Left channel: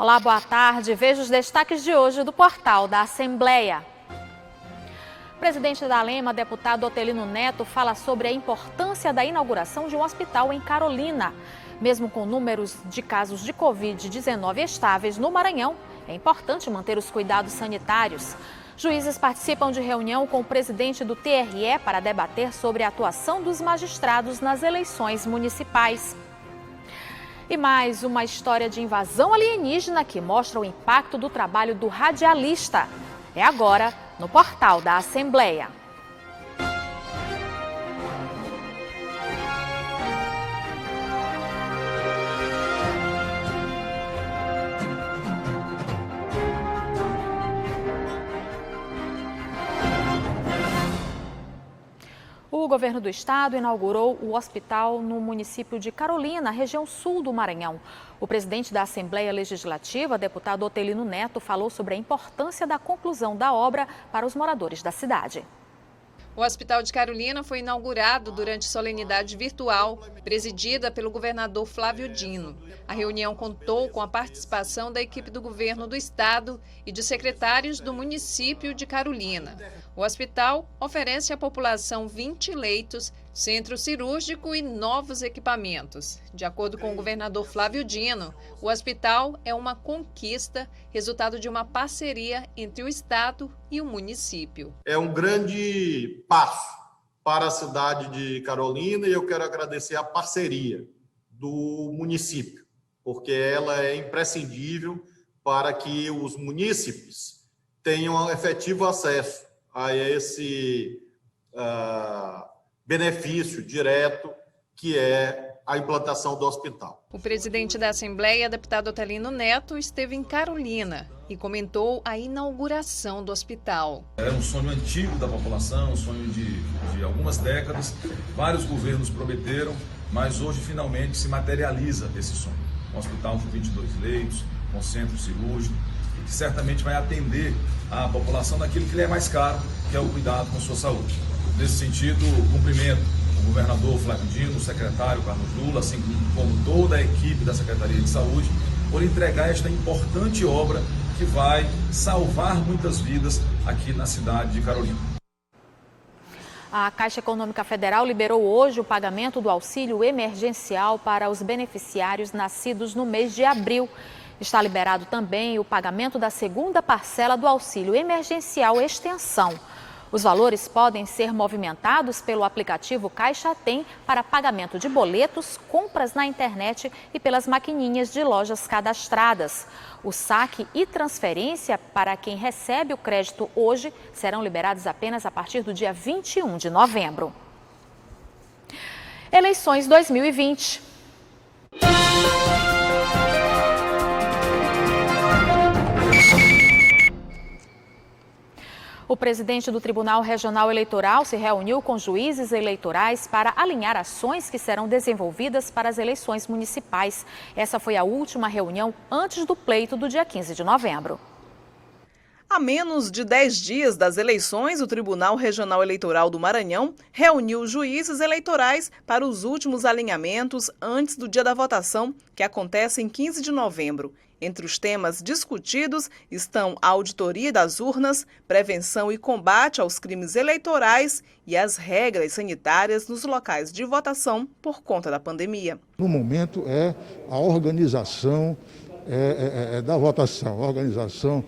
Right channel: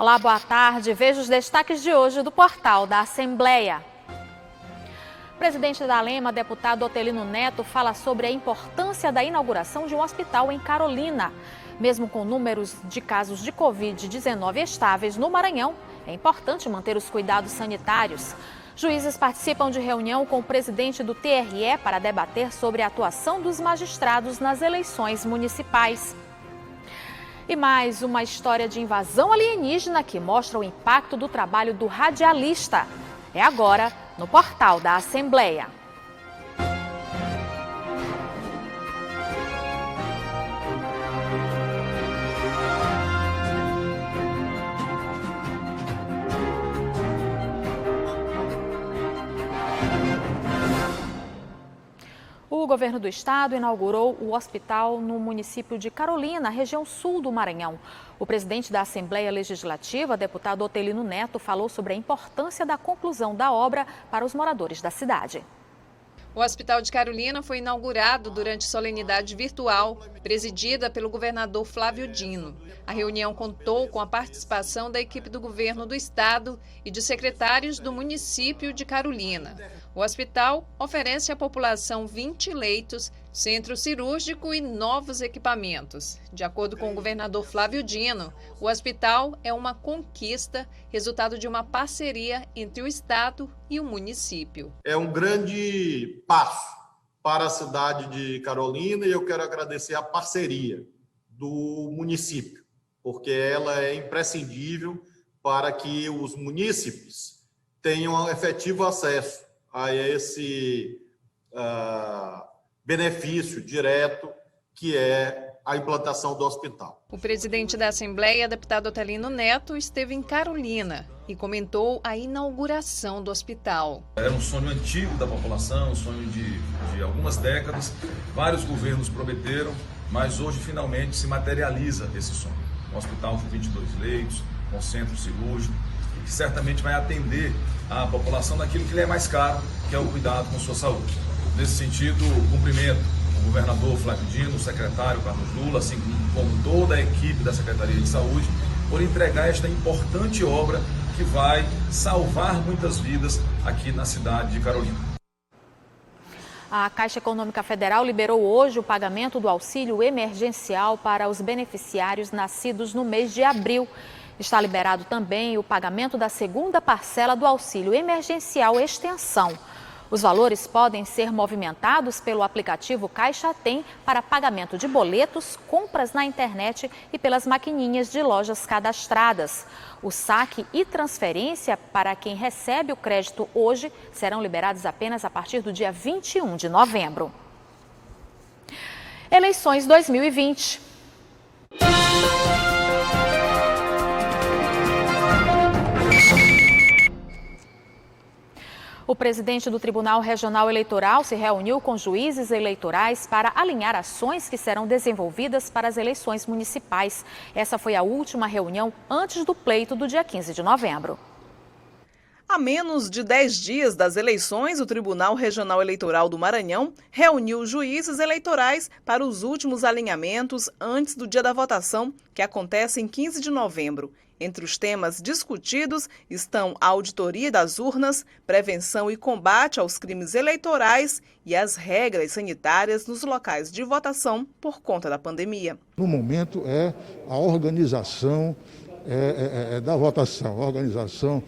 Olá, boa tarde. Veja os destaques de hoje do portal da Assembleia. Presidente da Alema, deputado Otelino Neto, fala sobre a importância da inauguração de um hospital em Carolina. Mesmo com números de casos de Covid-19 estáveis no Maranhão, é importante manter os cuidados sanitários. Juízes participam de reunião com o presidente do TRE para debater sobre a atuação dos magistrados nas eleições municipais. E mais uma história de invasão alienígena que mostra o impacto do trabalho do radialista. É agora no portal da Assembleia. O governo do estado inaugurou o hospital no município de Carolina, região sul do Maranhão. O presidente da Assembleia Legislativa, deputado Otelino Neto, falou sobre a importância da conclusão da obra para os moradores da cidade. O Hospital de Carolina foi inaugurado durante solenidade virtual, presidida pelo governador Flávio Dino. A reunião contou com a participação da equipe do governo do estado e de secretários do município de Carolina. O hospital oferece à população 20 leitos, centro cirúrgico e novos equipamentos. De acordo com o governador Flávio Dino, o hospital é uma conquista, resultado de uma parceria entre o estado e o município. É um grande passo para a cidade de Carolina e eu quero agradecer a parceria do município, porque ela é imprescindível para que os munícipes tenham efetivo acesso a esse benefício direto que é a implantação do hospital. O presidente da Assembleia, deputado Otelino Neto, esteve em Carolina e comentou a inauguração do hospital. É um sonho antigo da população, um sonho de algumas décadas. Vários governos prometeram, mas hoje finalmente se materializa esse sonho. Um hospital com 22 leitos, com centro cirúrgico, que certamente vai atender a população naquilo que lhe é mais caro, que é o cuidado com sua saúde. Nesse sentido, cumprimento o governador Flávio Dino, o secretário Carlos Lula, assim como toda a equipe da Secretaria de Saúde, por entregar esta importante obra que vai salvar muitas vidas aqui na cidade de Carolina. A Caixa Econômica Federal liberou hoje o pagamento do auxílio emergencial para os beneficiários nascidos no mês de abril. Está liberado também o pagamento da segunda parcela do auxílio emergencial extensão. Os valores podem ser movimentados pelo aplicativo Caixa Tem para pagamento de boletos, compras na internet e pelas maquininhas de lojas cadastradas. O saque e transferência para quem recebe o crédito hoje serão liberados apenas a partir do dia 21 de novembro. Eleições 2020. O presidente do Tribunal Regional Eleitoral se reuniu com juízes eleitorais para alinhar ações que serão desenvolvidas para as eleições municipais. Essa foi a última reunião antes do pleito do dia 15 de novembro. A menos de 10 dias das eleições, o Tribunal Regional Eleitoral do Maranhão reuniu juízes eleitorais para os últimos alinhamentos antes do dia da votação, que acontece em 15 de novembro. Entre os temas discutidos estão a auditoria das urnas, prevenção e combate aos crimes eleitorais e as regras sanitárias nos locais de votação por conta da pandemia. No momento é a organização da votação, a organização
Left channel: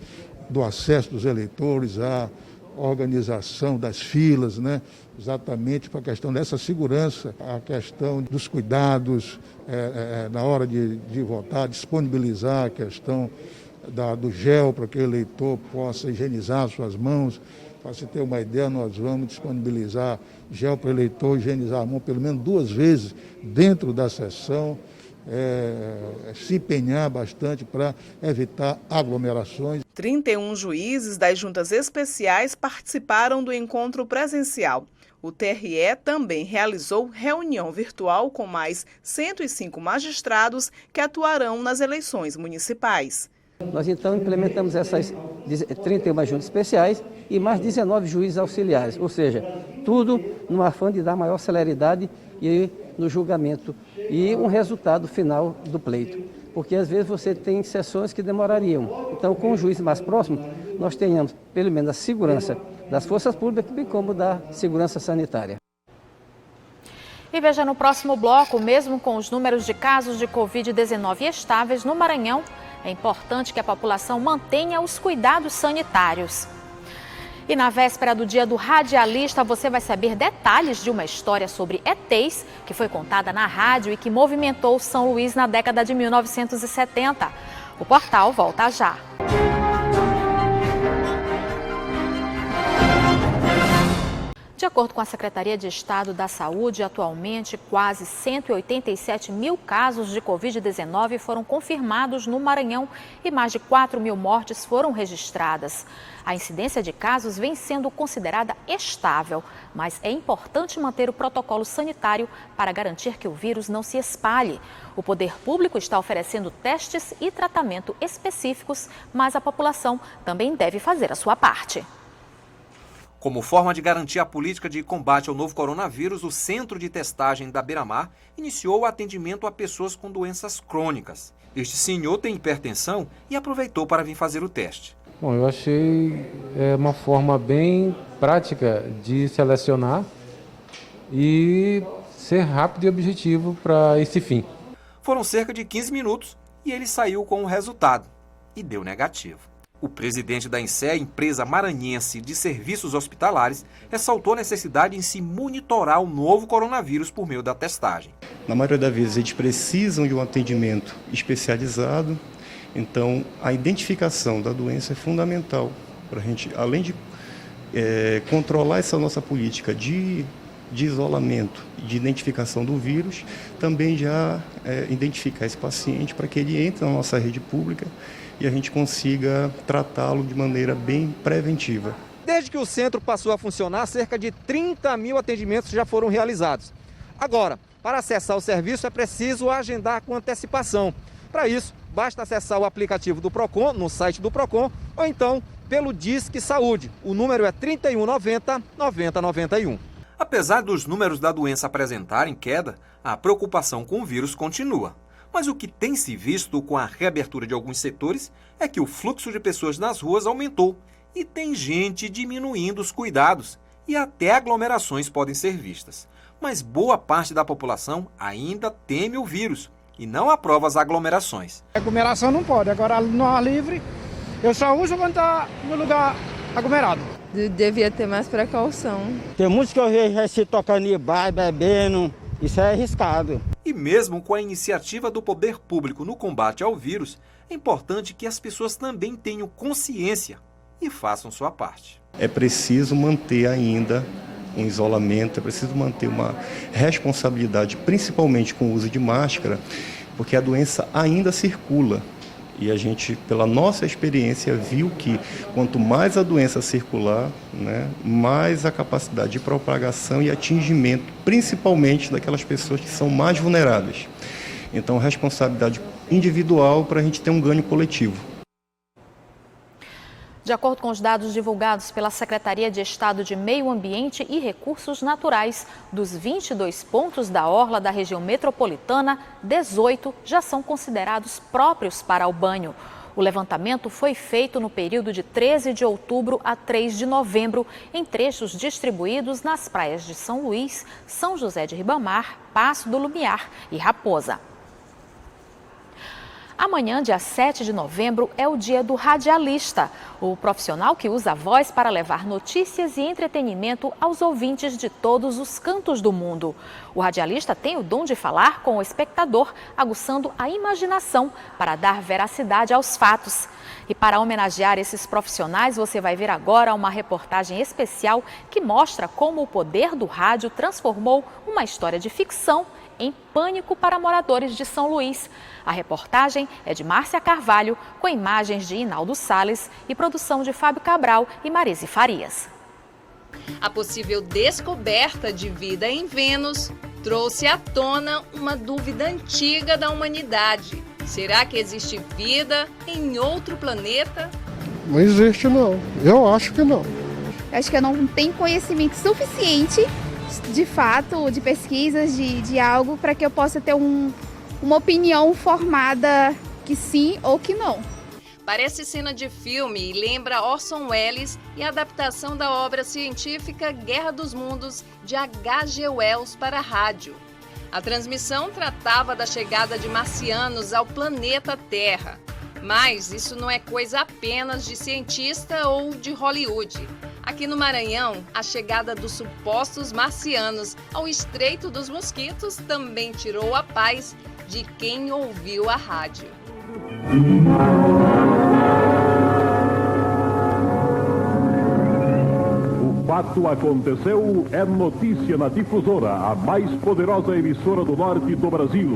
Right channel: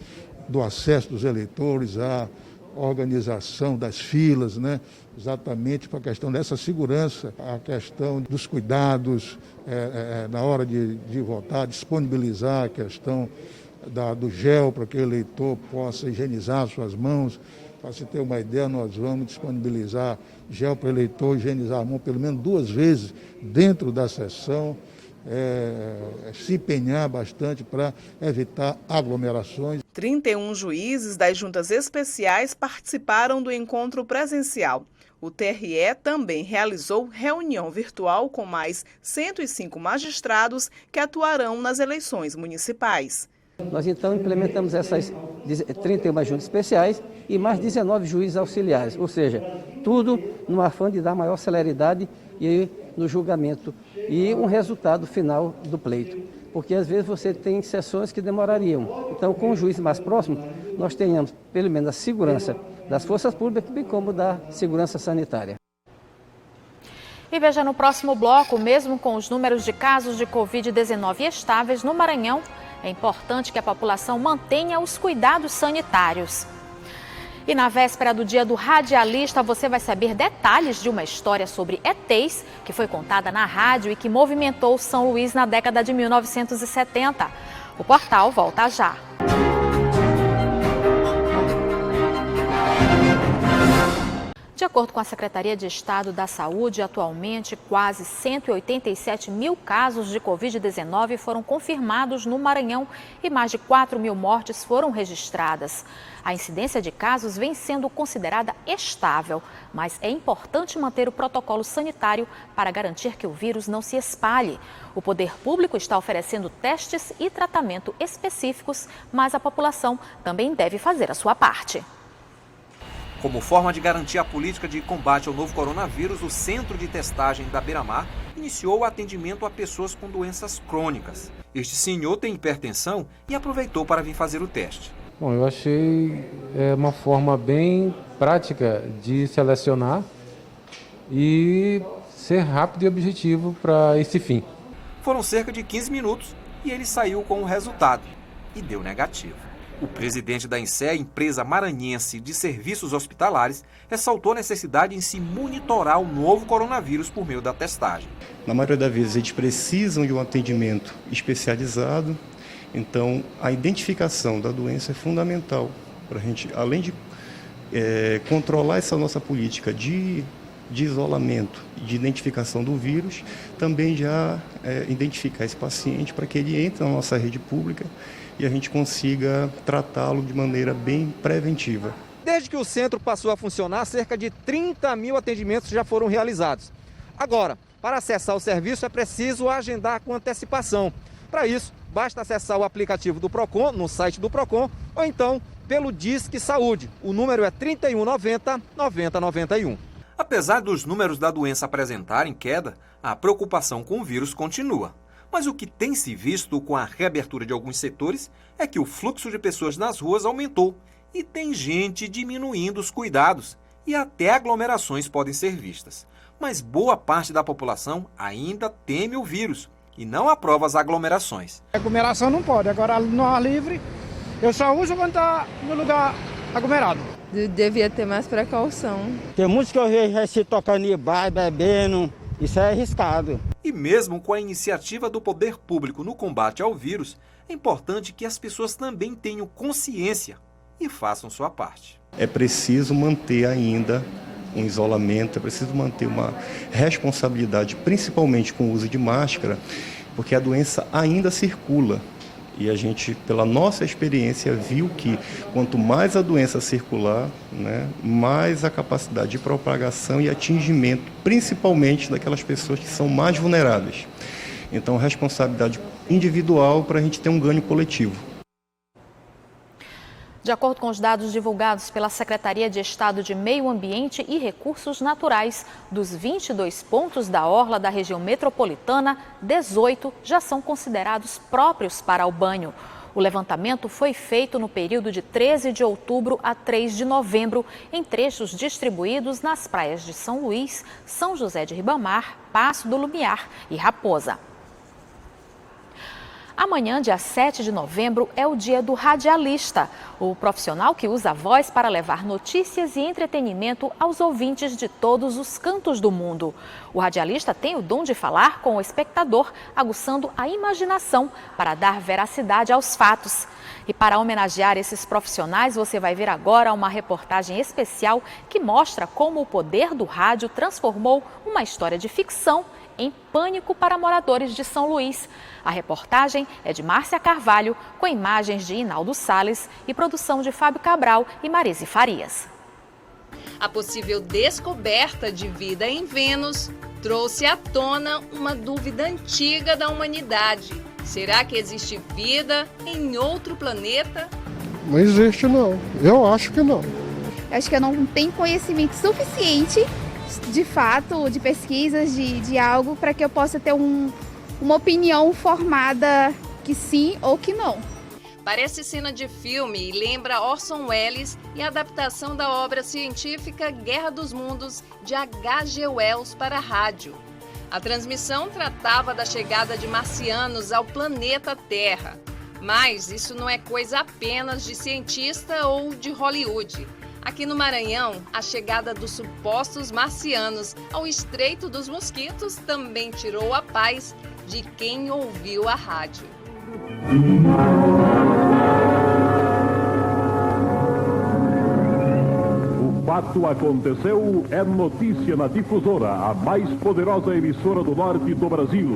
do acesso dos eleitores, a organização das filas, né? Exatamente para a questão dessa segurança, a questão dos cuidados na hora de votar, disponibilizar a questão do gel para que o eleitor possa higienizar suas mãos. Para se ter uma ideia, nós vamos disponibilizar gel para o eleitor higienizar a mão pelo menos 2 vezes dentro da sessão, se empenhar bastante para evitar aglomerações. 31 juízes das juntas especiais participaram do encontro presencial. O TRE também realizou reunião virtual com mais 105 magistrados que atuarão nas eleições municipais. Nós então implementamos essas 31 juntas especiais e mais 19 juízes auxiliares, ou seja, tudo no afã de dar maior celeridade e no julgamento e um resultado final do pleito. Porque às vezes você tem sessões que demorariam. Então, com o juiz mais próximo, nós tenhamos pelo menos a segurança das forças públicas, bem como da segurança sanitária. E veja no próximo bloco, mesmo com os números de casos de Covid-19 estáveis no Maranhão, é importante que a população mantenha os cuidados sanitários. E na véspera do Dia do Radialista, você vai saber detalhes de uma história sobre ETs que foi contada na rádio e que movimentou São Luís na década de 1970. O portal volta já. De acordo com a Secretaria de Estado da Saúde, atualmente quase 187 mil casos de Covid-19 foram confirmados no Maranhão e mais de 4 mil mortes foram registradas. A incidência de casos vem sendo considerada estável, mas é importante manter o protocolo sanitário para garantir que o vírus não se espalhe. O poder público está oferecendo testes e tratamento específicos, mas a população também deve fazer a sua parte. Como forma de garantir a política de combate ao novo coronavírus, o Centro de Testagem da Beira-Mar iniciou o atendimento a pessoas com doenças crônicas. Este senhor tem hipertensão e aproveitou para vir fazer o teste. Bom, eu achei uma forma bem prática de selecionar e ser rápido e objetivo para esse fim. Foram cerca de 15 minutos e ele saiu com o resultado e deu negativo. O presidente da INSE, empresa maranhense de serviços hospitalares, ressaltou a necessidade em se monitorar o novo coronavírus por meio da testagem. Na maioria das vezes, eles precisam de um atendimento especializado, então a identificação da doença é fundamental para a gente, além de controlar essa nossa política de isolamento e de identificação do vírus, também já identificar esse paciente para que ele entre na nossa rede pública e a gente consiga tratá-lo de maneira bem preventiva. Desde que o centro passou a funcionar, cerca de 30 mil atendimentos já foram realizados. Agora, para acessar o serviço é preciso agendar com antecipação. Para isso, basta acessar o aplicativo do PROCON, no site do PROCON, ou então pelo Disque Saúde. O número é 3190 9091. Apesar dos números da doença apresentarem queda, a preocupação com o vírus continua. Mas o que tem se visto com a reabertura de alguns setores é que o fluxo de pessoas nas ruas aumentou e tem gente diminuindo os cuidados e até aglomerações podem ser vistas. Mas boa parte da população ainda teme o vírus e não aprova as aglomerações. Aglomeração não pode, agora no ar livre eu só uso quando está no lugar aglomerado. Devia ter mais precaução. Tem muitos que eu vejo se tocando em bar, bebendo. Isso é arriscado. E mesmo com a iniciativa do poder público no combate ao vírus, é importante que as pessoas também tenham consciência e façam sua parte. É preciso manter ainda um isolamento, é preciso manter uma responsabilidade, principalmente com o uso de máscara, porque a doença ainda circula. E a gente, pela nossa experiência, viu que quanto mais a doença circular, mais a capacidade de propagação e atingimento, principalmente daquelas pessoas que são mais vulneráveis. Então, responsabilidade individual para a gente ter um ganho coletivo. De acordo com os dados divulgados pela Secretaria de Estado de Meio Ambiente e Recursos Naturais, dos 22 pontos da orla da região metropolitana, 18 já são considerados próprios para o banho. O levantamento foi feito no período de 13 de outubro a 3 de novembro, em trechos distribuídos nas praias de São Luís, São José de Ribamar, Passo do Lumiar e Raposa. Amanhã, dia 7 de novembro, é o dia do radialista, o profissional que usa a voz para levar notícias e entretenimento aos ouvintes de todos os cantos do mundo. O radialista tem o dom de falar com o espectador, aguçando a imaginação para dar veracidade aos fatos. E para homenagear esses profissionais, você vai ver agora uma reportagem especial que mostra como o poder do rádio transformou uma história de ficção em pânico para moradores de São Luís. A reportagem é de Márcia Carvalho, com imagens de Inaldo Salles e produção de Fábio Cabral e Marise Farias. A possível descoberta de vida em Vênus trouxe à tona uma dúvida antiga da humanidade. Será que existe vida em outro planeta? Não existe, não. Eu acho que não. Acho que eu não tenho conhecimento suficiente de fato, de pesquisas, de algo, para que eu possa ter uma opinião formada que sim ou que não. Parece cena de filme e lembra Orson Welles e a adaptação da obra científica Guerra dos Mundos, de H.G. Wells, para a rádio. A transmissão tratava da chegada de marcianos ao planeta Terra. Mas isso não é coisa apenas de cientista ou de Hollywood. Aqui no Maranhão, a chegada dos supostos marcianos ao Estreito dos Mosquitos também tirou a paz de quem ouviu a rádio. O fato aconteceu, é notícia na Difusora, a mais poderosa emissora do norte do Brasil.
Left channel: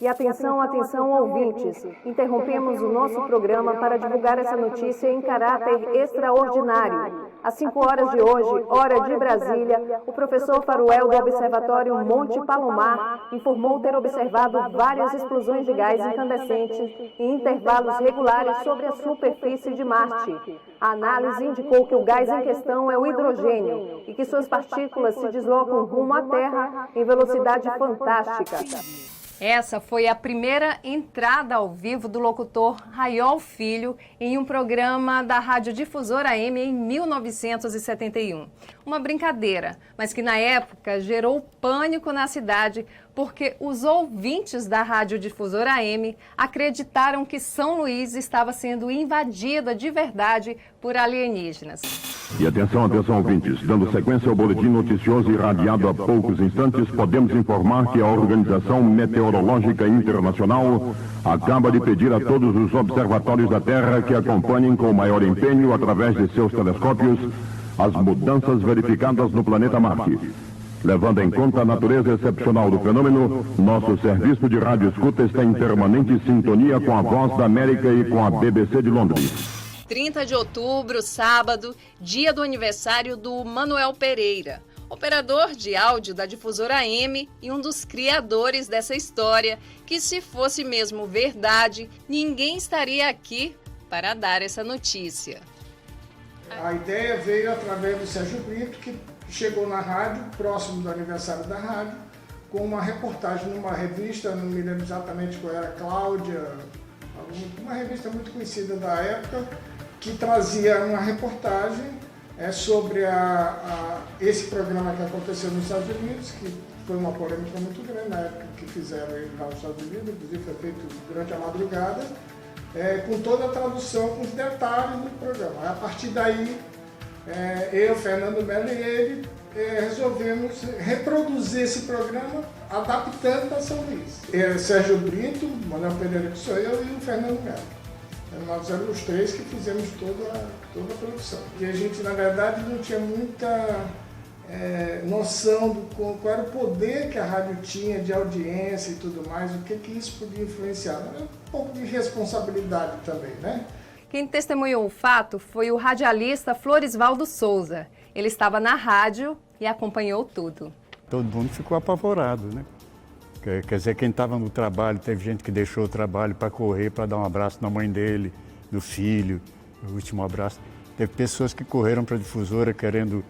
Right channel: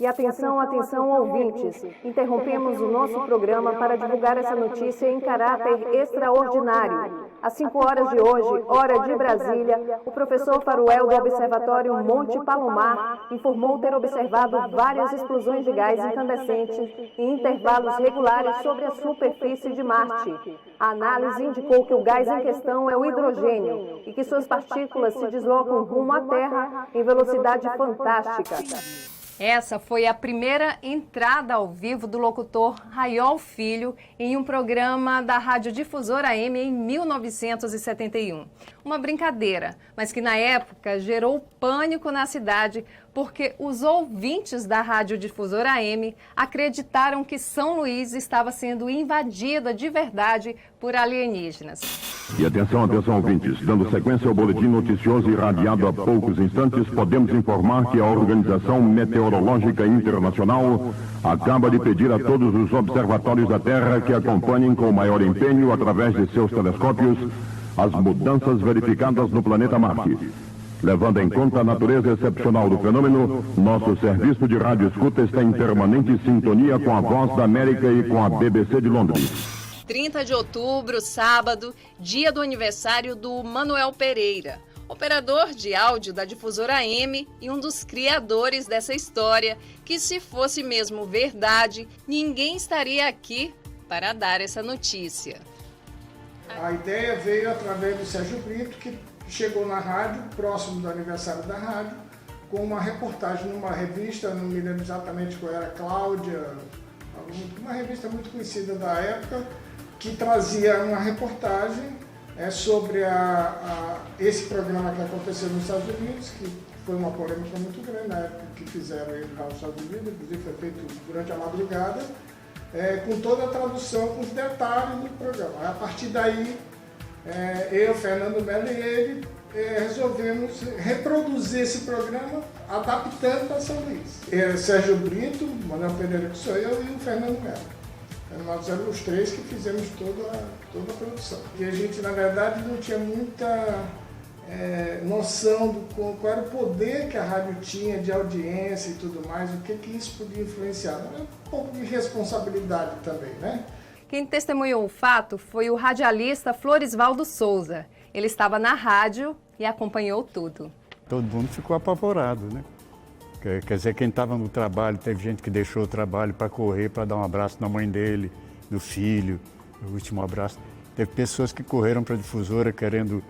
E atenção, atenção, ouvintes. Interrompemos o nosso programa para divulgar essa notícia em caráter extraordinário. Às 5 horas de hoje, hora de Brasília, o professor Faruel do Observatório Monte Palomar informou ter observado várias explosões de gás incandescente em intervalos regulares sobre a superfície de Marte. A análise indicou que o gás em questão é o hidrogênio e que suas partículas se deslocam rumo à Terra em velocidade fantástica. Essa foi a primeira entrada ao vivo do locutor Raiol Filho em um programa da Rádio Difusora AM em 1971. Uma brincadeira, mas que na época gerou pânico na cidade porque os ouvintes da Rádio Difusora AM acreditaram que São Luís estava sendo invadida de verdade por alienígenas. E atenção, ouvintes, dando sequência ao boletim noticioso irradiado há poucos instantes, podemos informar que a Organização Meteorológica Internacional acaba de pedir a todos os observatórios da Terra que acompanhem com maior empenho, através de seus telescópios, as mudanças verificadas no planeta Marte. Levando em conta a natureza excepcional do fenômeno, nosso serviço de rádio escuta está em permanente sintonia com a Voz da América e com a BBC de Londres. 30 de outubro, sábado, dia do aniversário do Manuel Pereira, operador de áudio da Difusora AM e um dos criadores dessa história, que se fosse mesmo verdade, ninguém estaria aqui para dar essa notícia. A ideia veio através do Sérgio Brito, que chegou na rádio, próximo do aniversário da rádio, com uma reportagem numa revista, não me lembro exatamente qual era, Cláudia, uma revista muito conhecida da época, que trazia uma reportagem sobre esse programa que aconteceu nos Estados Unidos, que foi uma polêmica muito grande na época que fizeram ele lá nos Estados Unidos, inclusive foi feito durante a madrugada, com toda a tradução, com os detalhes do programa. A partir daí, eu, Fernando Melo e ele resolvemos reproduzir esse programa adaptando para São Luís. Sérgio Brito, Manuel Pereira, que sou eu, e o Fernando Melo. Nós éramos os três que fizemos toda a produção. E a gente, na verdade, não tinha muita noção de qual era o poder que a rádio tinha de audiência e tudo mais, o que isso podia influenciar. Um pouco de responsabilidade também, né? Quem testemunhou o fato foi o radialista Florisvaldo Souza. Ele estava na rádio e acompanhou tudo. Todo mundo ficou apavorado, né? Quer dizer, quem estava no trabalho, teve gente que deixou o trabalho para correr, para dar um abraço na mãe dele, do filho, o último abraço. Teve pessoas que correram para a difusora querendo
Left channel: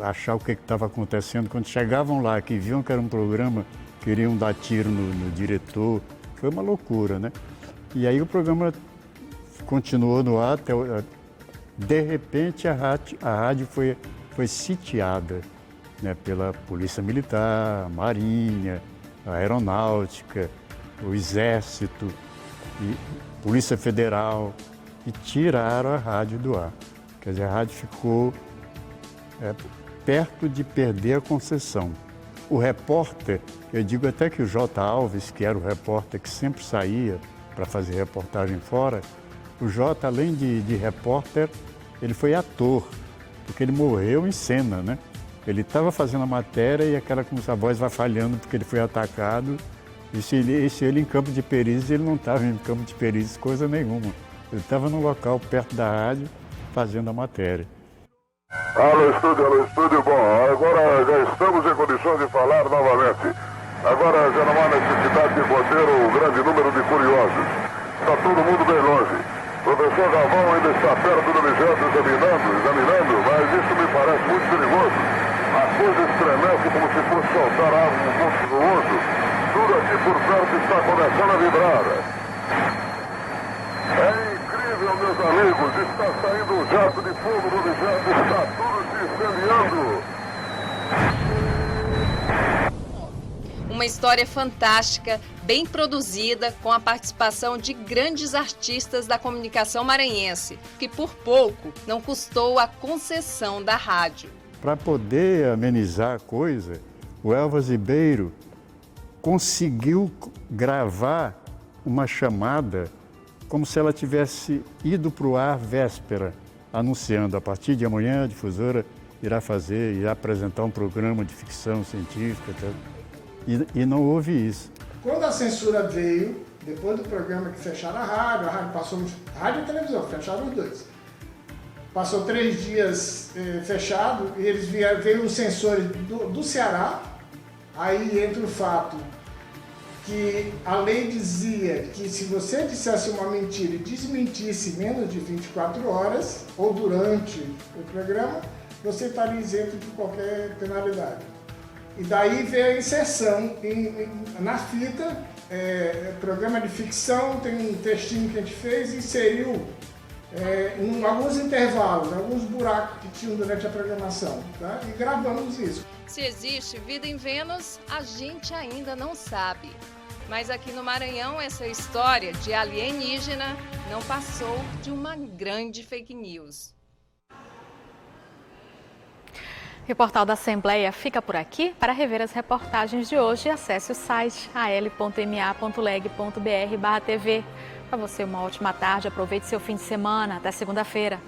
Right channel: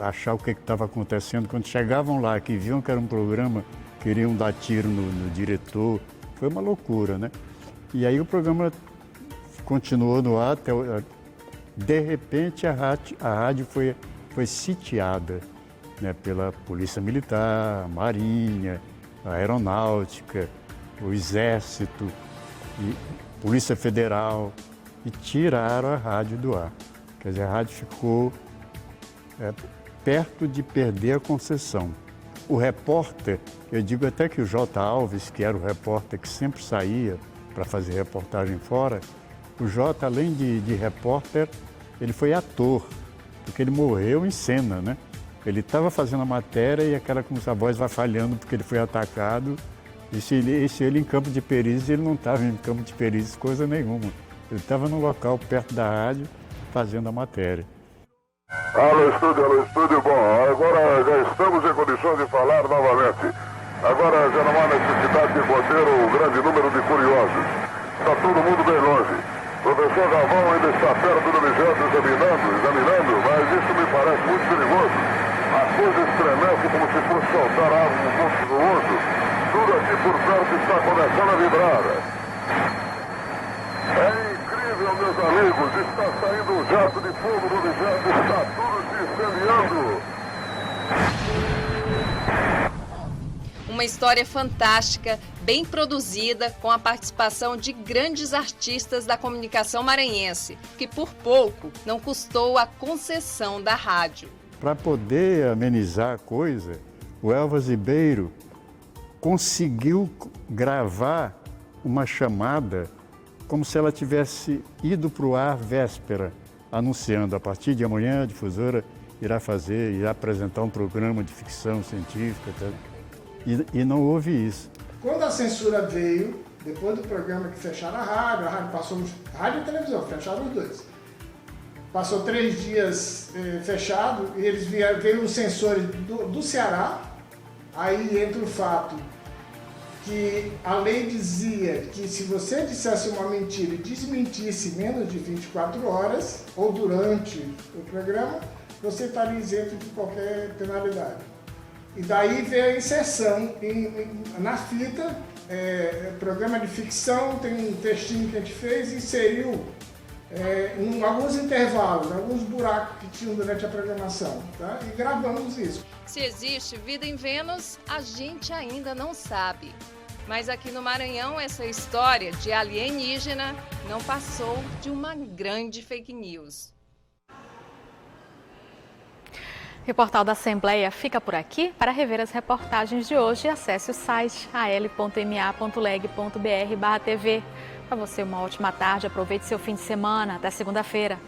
achar o que estava acontecendo. Quando chegavam lá, que viam que era um programa, queriam dar tiro no diretor. Foi uma loucura, né? E aí o programa continuou no ar, até, de repente a rádio foi sitiada, né, pela Polícia Militar, a Marinha, a Aeronáutica, o Exército, e Polícia Federal, e tiraram a rádio do ar. Quer dizer, a rádio ficou perto de perder a concessão. O repórter, eu digo até que o J. Alves, que era o repórter que sempre saía para fazer reportagem fora, o J, além de repórter, ele foi ator, porque ele morreu em cena, né? Ele estava fazendo a matéria e aquela como a voz vai falhando porque ele foi atacado. E se ele em campo de perícia, ele não estava em campo de perícia, coisa nenhuma. Ele estava no local perto da rádio fazendo a matéria. Alô, estúdio, bom. Agora já estamos em condições de falar novamente. Agora já não há necessidade de manter o grande número de curiosos. Está todo mundo bem longe. O professor Galvão ainda está perto do objeto examinando, mas isso me parece muito perigoso. A coisa estremece como se fosse soltar algo um pouco no outro. Tudo aqui por perto está começando a vibrar. É incrível, meus amigos. Está saindo um jato de fogo do objeto. Está tudo se incendiando. Uma história fantástica, bem produzida, com a participação de grandes artistas da comunicação maranhense, que por pouco não custou a concessão da rádio. Para poder amenizar a coisa, o Elvas Ribeiro conseguiu gravar uma chamada como se ela tivesse ido para o ar véspera, anunciando a partir de amanhã a difusora irá apresentar um programa de ficção científica. E não houve isso. Quando a censura veio, depois do programa que fecharam a rádio passou, rádio e televisão, fecharam os dois. Passou 3 dias fechado e eles veio os censores do Ceará. Aí entra o fato que a lei dizia que se você dissesse uma mentira e desmentisse menos de 24 horas, ou durante o programa, você estaria isento de qualquer penalidade. E daí veio a inserção na fita, programa de ficção, tem um textinho que a gente fez e inseriu em alguns intervalos, alguns buracos que tinham durante a programação, tá? E gravamos isso. Se existe vida em Vênus, a gente ainda não sabe. Mas aqui no Maranhão, essa história de alienígena não passou de uma grande fake news. O Portal da Assembleia fica por aqui. Para rever as reportagens de hoje, acesse o site al.ma.leg.br/tv. Para você, uma ótima tarde. Aproveite seu fim de semana. Até segunda-feira.